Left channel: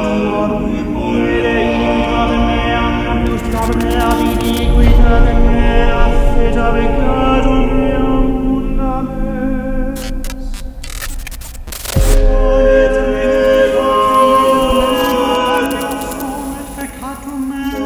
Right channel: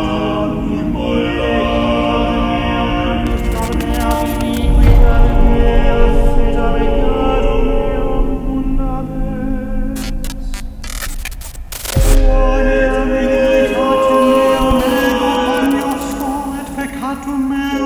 tuorum, itatem meam, justam mea viniquitatem mea, et a peccatum meam fundaments. Quoniam iniquitatem meam ego cognosco, et peccatum meam